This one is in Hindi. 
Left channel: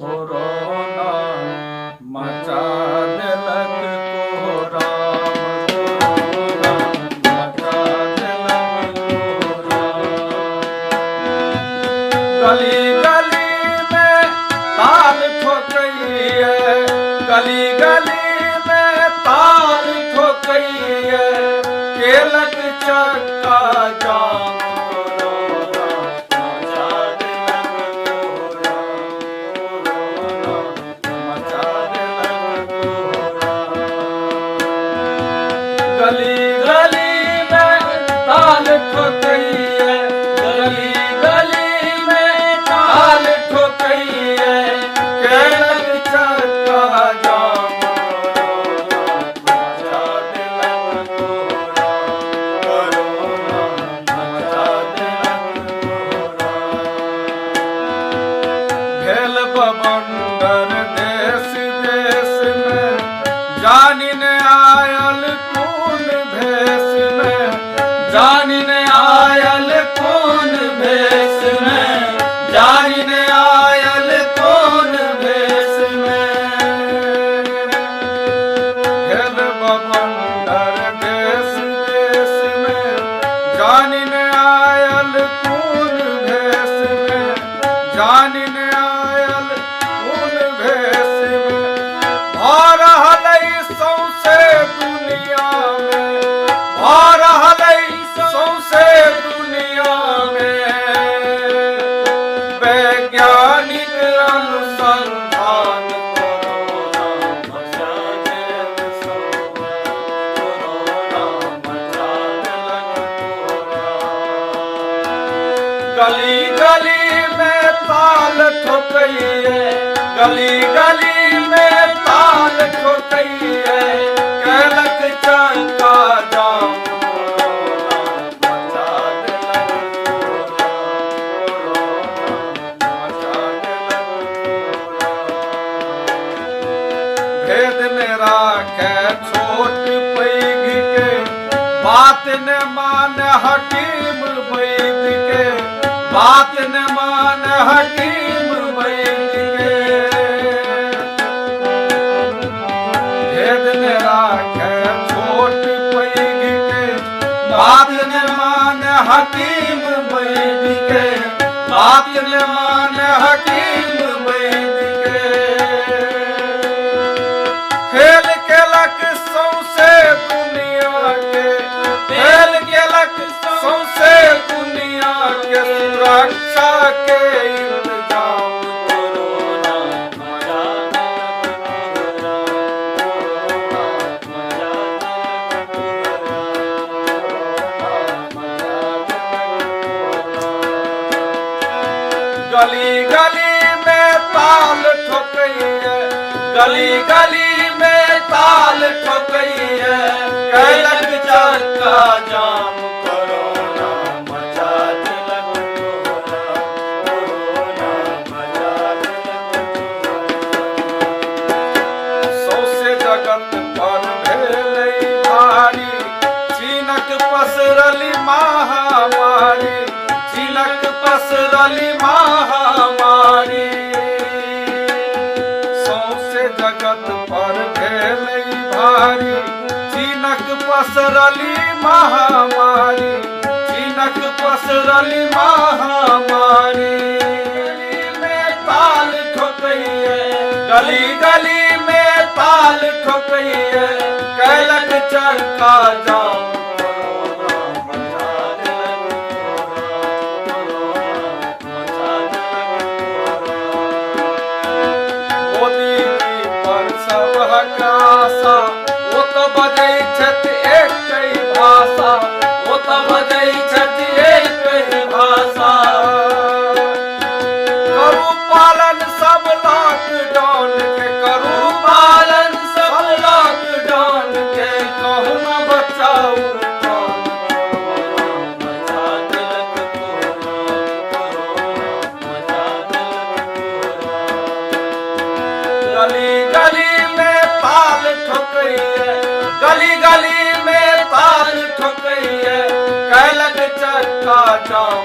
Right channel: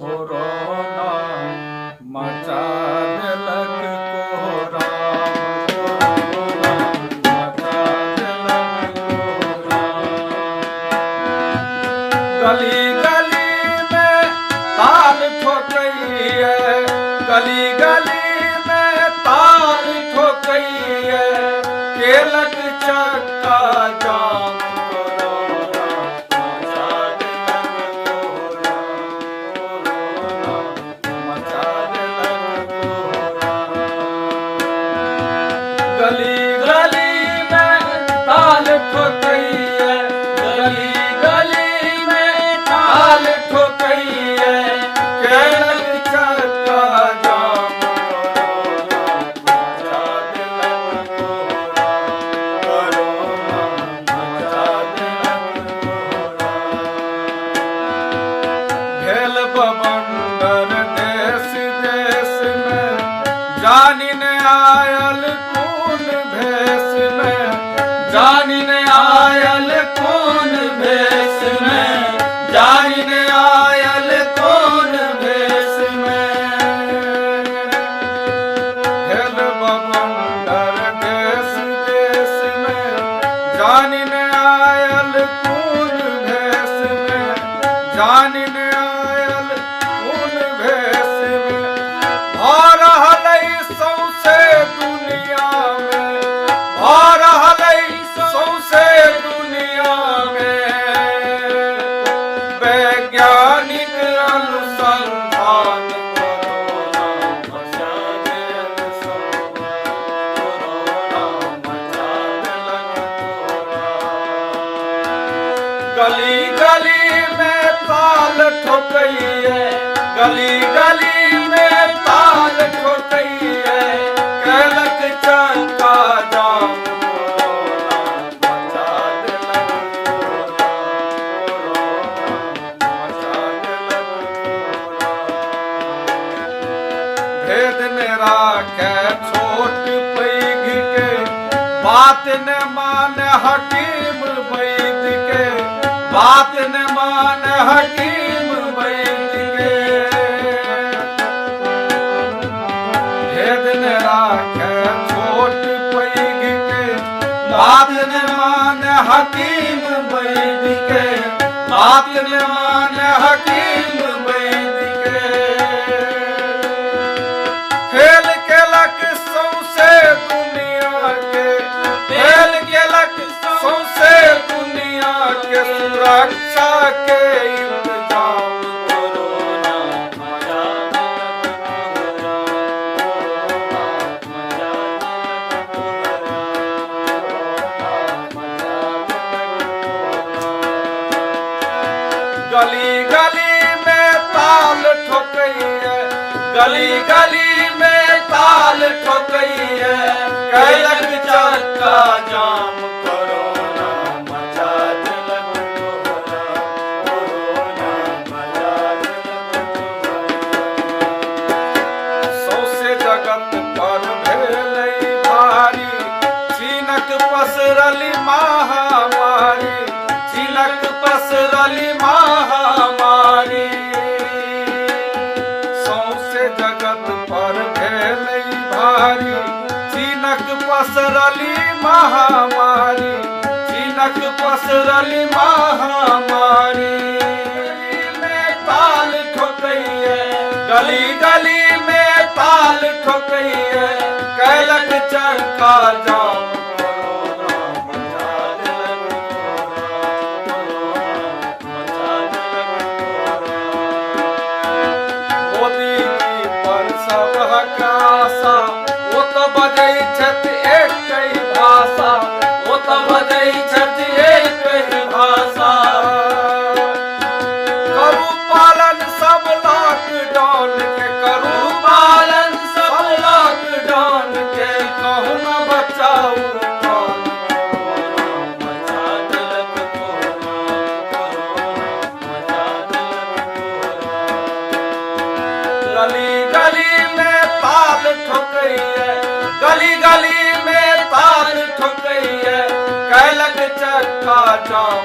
कोरोना मचा देलक कोरोना मचा देलक कोरोना। गली गली में ताल ठोकइए, गली गली में ताल ठोकइए, केलक चक्का जाम कोरोना मचा देलक कोरोना मचा देलक कोरोना। गली गली में ताल ठोकइए, गली गली में ताल ठोकइए, केलक चक्का जाम कोरोना मचा देलक कोरोना मचा देलक कोरोना। भेल बवंडर देश देश में, जानी ने आयल कौन भेष में, जानी ने आयल कौन भेष में, जानी ने आयल कौन भेष में। भेल बवंडर देश देश में, जानी ने आयल कौन भेष में, जानी ने आयल कौन भेष में। भा रहलै सौंसे दुनिया में, भा रहलै सौंसे दुनिया में, वैज्ञानिक अनुसंधान कोरोना मचा देलक कोरोना मचा देलक कोरोना। गली गली में ताल ठोकइए, गली गली में ताल ठोकइए, केलक चक्का जाम कोरोना मचा देलक कोरोना मचा देलक कोरोना। भेद ने राखे छोट पैघ के, बात न मान हकीम वैद के, बात न मान हकीम वैद के। भेद न राखे छोट पैघ के, बात न मान हकीम वैद के, बात न मान हकीम वैद के। फेल केलक सौंसे दुनिया के, फेल केलक सौंसे दुनिया के, सुरक्षा के इंतजाम कोरोना मचा देलक कोरोना मचा देलक कोरोना मचा देलक। गली गली में ताल ठोकइए, गली गली में ताल ठोकइए, केलक चक्का जाम कोरोना मचा देलक कोरोना मचा देलक कोरोना। सौंसे जगत पर भेलै भारी, चीनक पसरली महामारी, चीनक पसरली महामारी। सौंसे जगत पर भेलै भारी, चीनक पसरली महामारी, चीनक पसरली महामारी। गली में ताल ठोकइए, गली गली में ताल ठोकइए, केलक चक्का जाम कोरोना मचा देलक कोरोना मचा देलक कोरोना। मोदी जी पर सबहक आशा, ओ तो बजै छथि एकहि भाषा, ओ तो बजै छथि एकहि भाषा। करू पालन सब लॉकडाउन के, करू पालन सब लॉकडाउन के, कहूँ न बचाऊ प्राण कोरोना मचा देलक कोरोना मचा देलक कोरोना। गली गली में ताल ठोकइए, गली गली में ताल ठोकइए, केलक चक्का जाम